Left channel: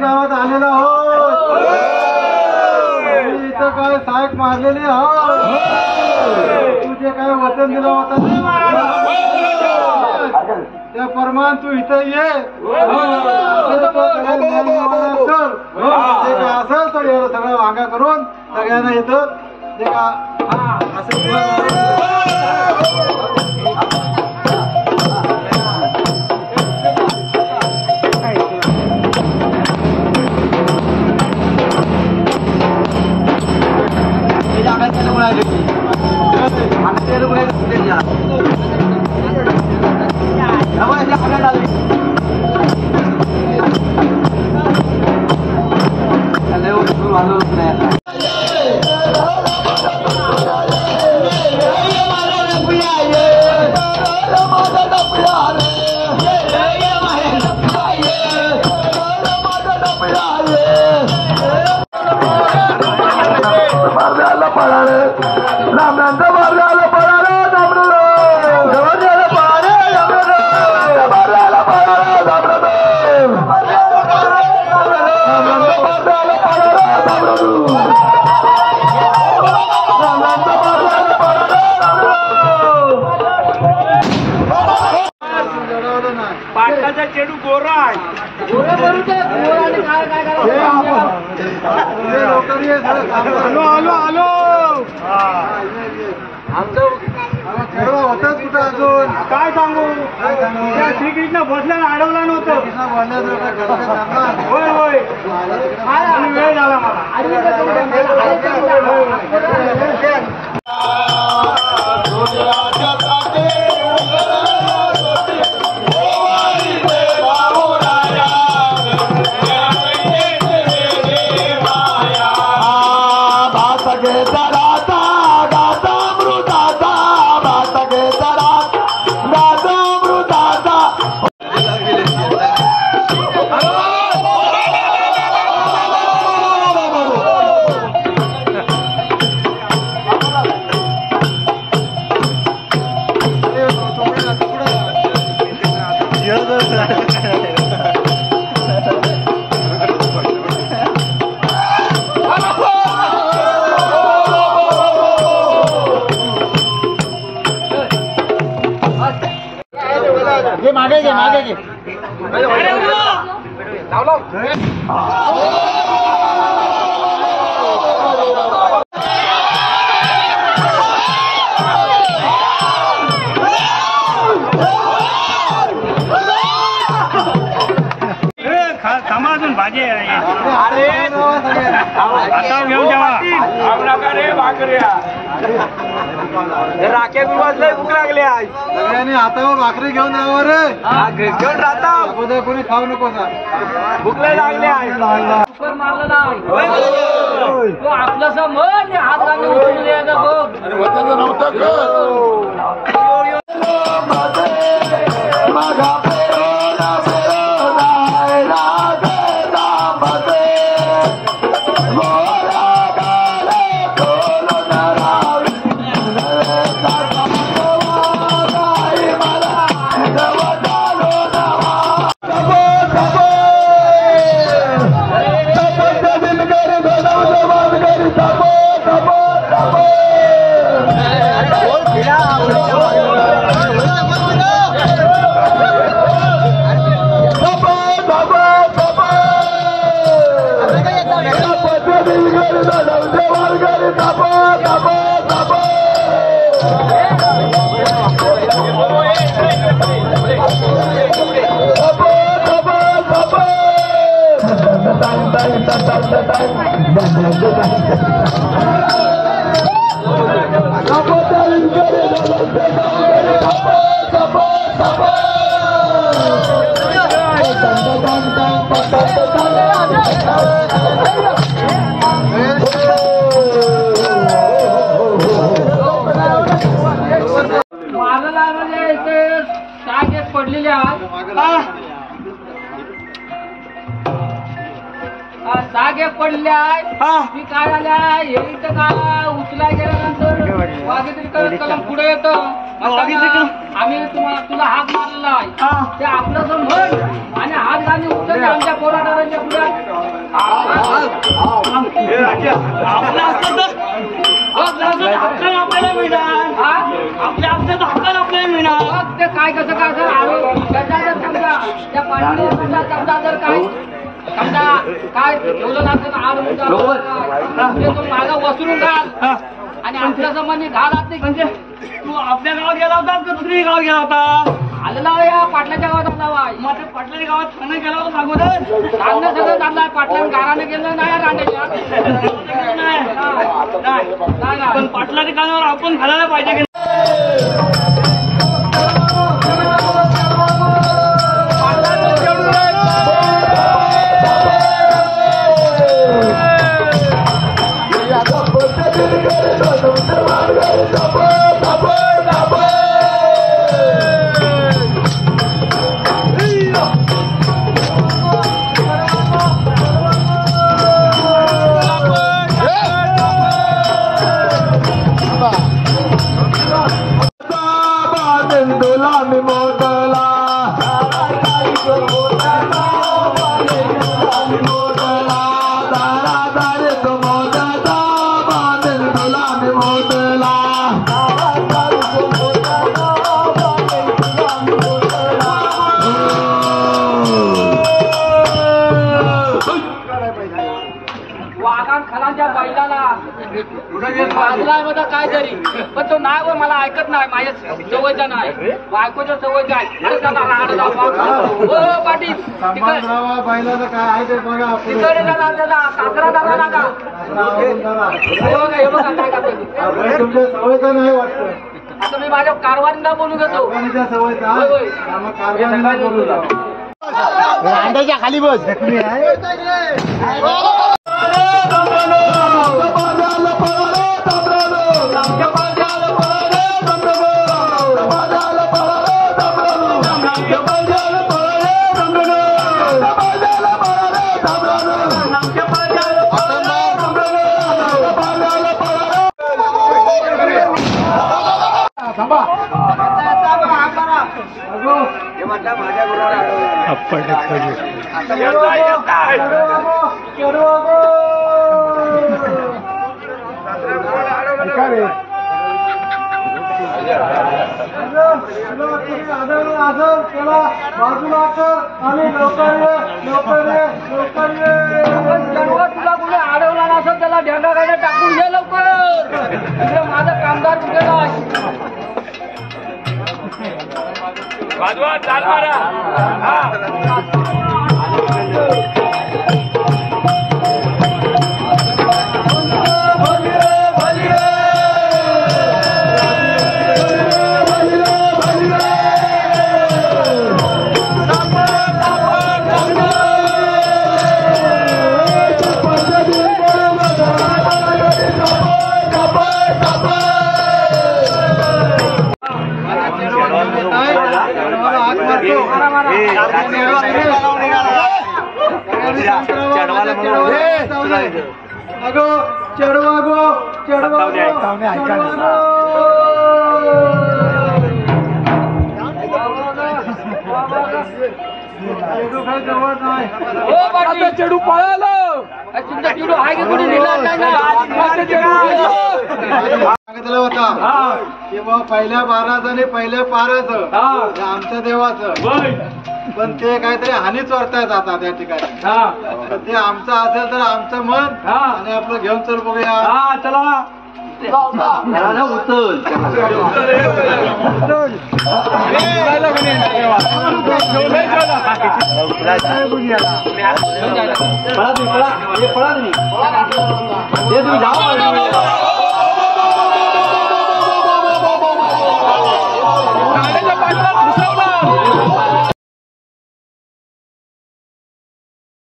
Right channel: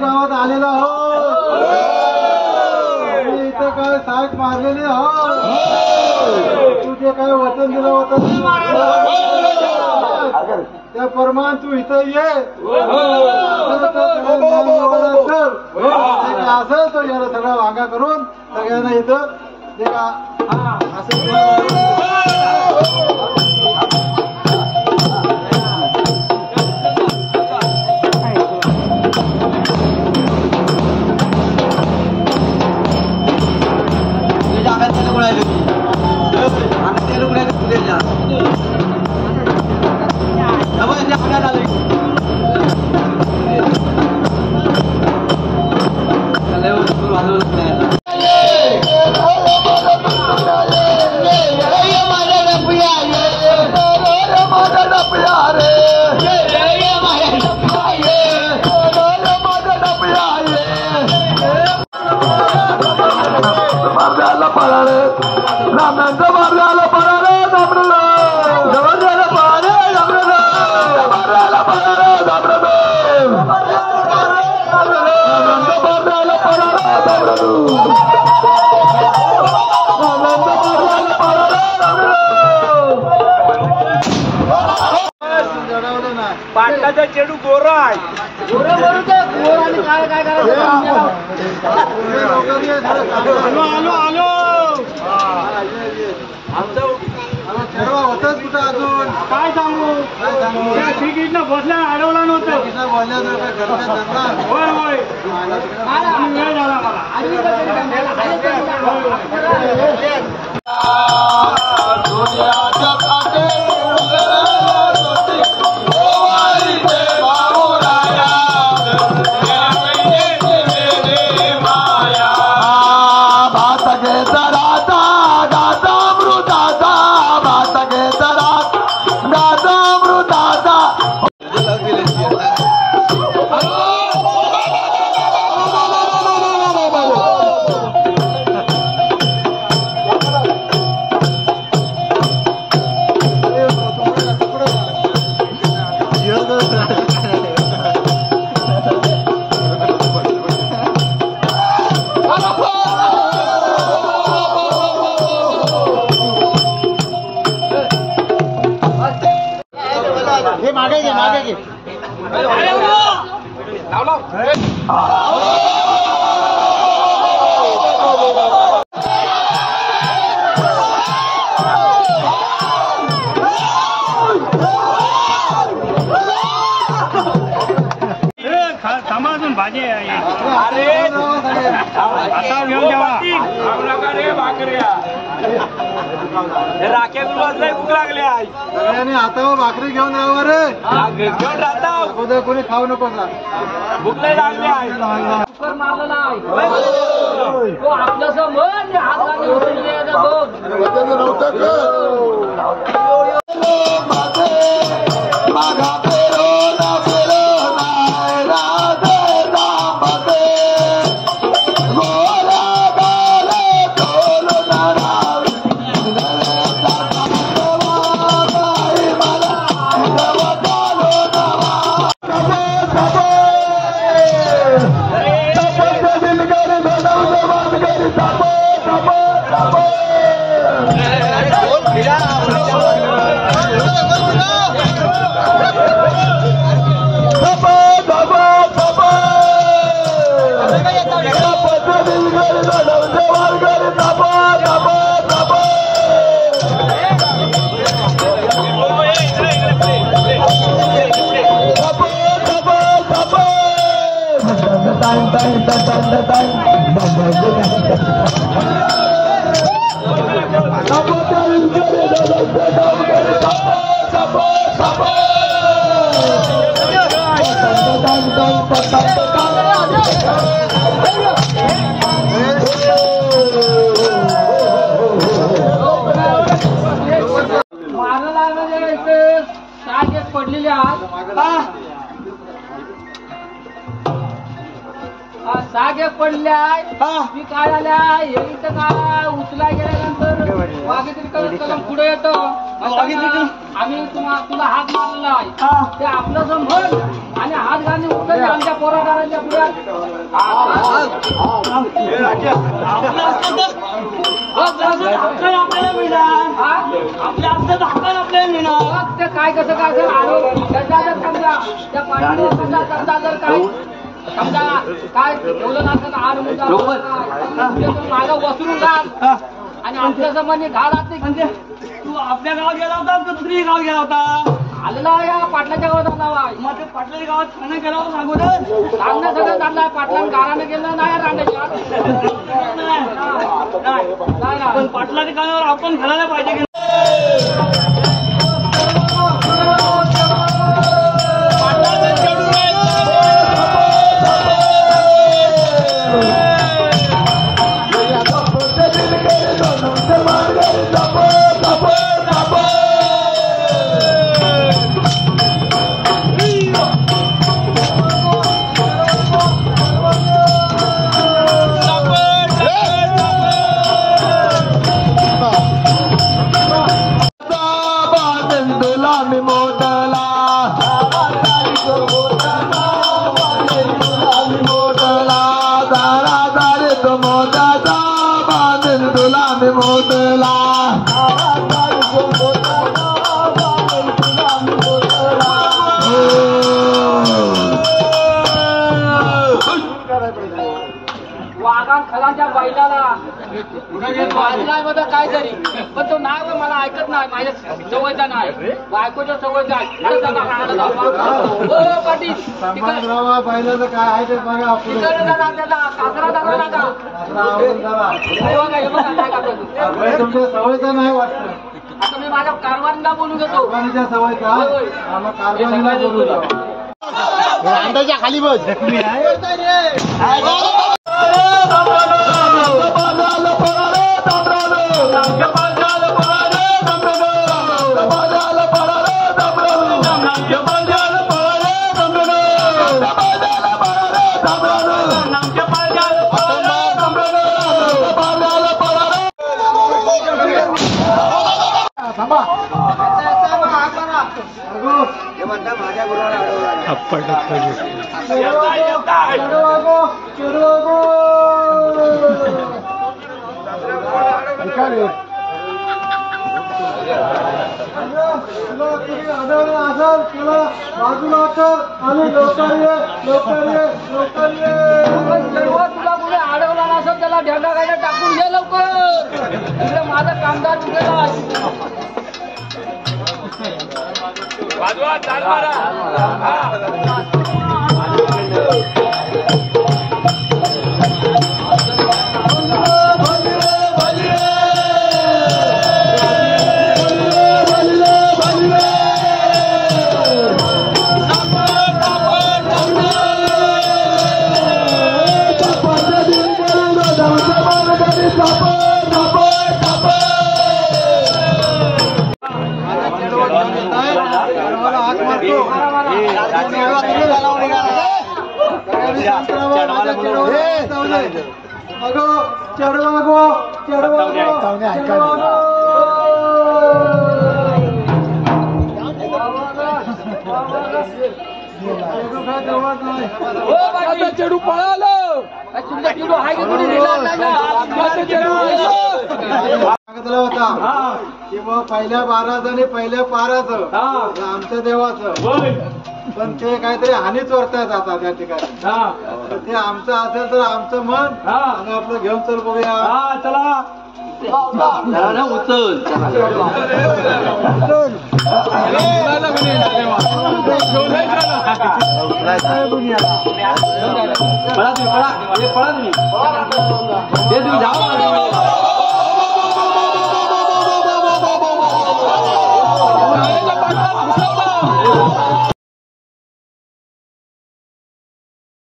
गावात आलेला हो इथं काय साहेब मारलेले हो तुझे काय वचन दिलं होतं त्या प्रमाण तू इथं ये असेल तर एवढं सगळं वांगा करून सगळ्यांना इथं ते का पाटलाचा चेडू गोरा आहे आलो आमचं चेडवा होतच कुठं अजून काय सांगू त्या श्रीकृष्ण बसल्या अडवला नव्हतं होय होय वेळ अजून भाजी आहे आता घेऊन जेवा रे भाकऱ्या राखे गुरुवारला भूक लागली आहे सगळ्यांनी हातावर भाकरी घेऊन यावं रे घेऊन राहता अगोदर कोणी खाऊ नको का भूक लागली आहे कुकर मारलं नाही तो आपलं समज हात घालून उचलून द्यायचा बघ पडलेले साग एक पडले आहे काय आल्या हे इथं काय उचलाय गेल्यानंतर वाघेत्री कलम पुढे येतो आम्ही तुला हात मारलेला आहे ते आपलं समज आणि हात घालून उचलले आमच्या पोराडाच्या पुढे आपल्याला मिळणार आपल्या आपल्याला हक्काला आपल्याला मिळणार ते काय कसं काय जर समजा त्या पाणी समजा जर काय समजा काय ठेवलं जातं मागा वसरून घाल आणि आपल्या संबंधी घाल म्हणजे तू आपल्या गावात गेला होता का दुसरी गावात गेला होता आलेला या पाटलाच्या गावात आला मग ते पाटलाच्या गावात खाणं गेला होता सांगू दे चांगलं सगळं चाललंय पाटला गाराने गेलं नाही रांड्याच्या पण पाटलाच्या कानावर आपण घालायला पाहिजे की वाघान खलांच्या बैलाला वाजलाय मध्ये काय तरी पण तो नाही बा, मला ऐकत नाही माझ्या सवयचा नाही बायकोच्या सवयचा आहे. अरे दादा, अरे दादा, हो पाटील तिकडे बैलाचं काय आहे ते बघा तिकडे दादा दादा सासरा दादा दादा हे बघा हे बघा काय करतोय तू. बैल तुमच्या सवयचा नाही वाटतं. आता मी माझ्या कारवानीला बोलू घेतो. कारखान्याच्या सवयचा होय, होय. मग कारखान्याला बोलू द्या. खाली बस जखमी आहे. बाजूला कर आणि लवकर ये, लवकर ये, लवकर ये. तुला कुठे अडवला नसेल त्याला ढेंगा गाड्या टाकून घे लवकर. तिकडे माझा कामदार कुठे वाजवा चाल मारा. अगो चढवा गो चढवा ऐका चेडू पळालो. तुमचा चेडू आहे की कुठे नेला नाही सांगितलं होता किंवा पहिल्या बाराचं पहिल्या पाराचं आमच्या देवाचं, पण ते काहीतरी हानीच वर्तायत आता त्या ठिकाणी. तर ते आमचं असेल तर आमचं मन आणि आपलं घेऊन चल बघूया. चला उचल पळा तुम्ही, पळा तुम्ही, तुम्ही जाऊ.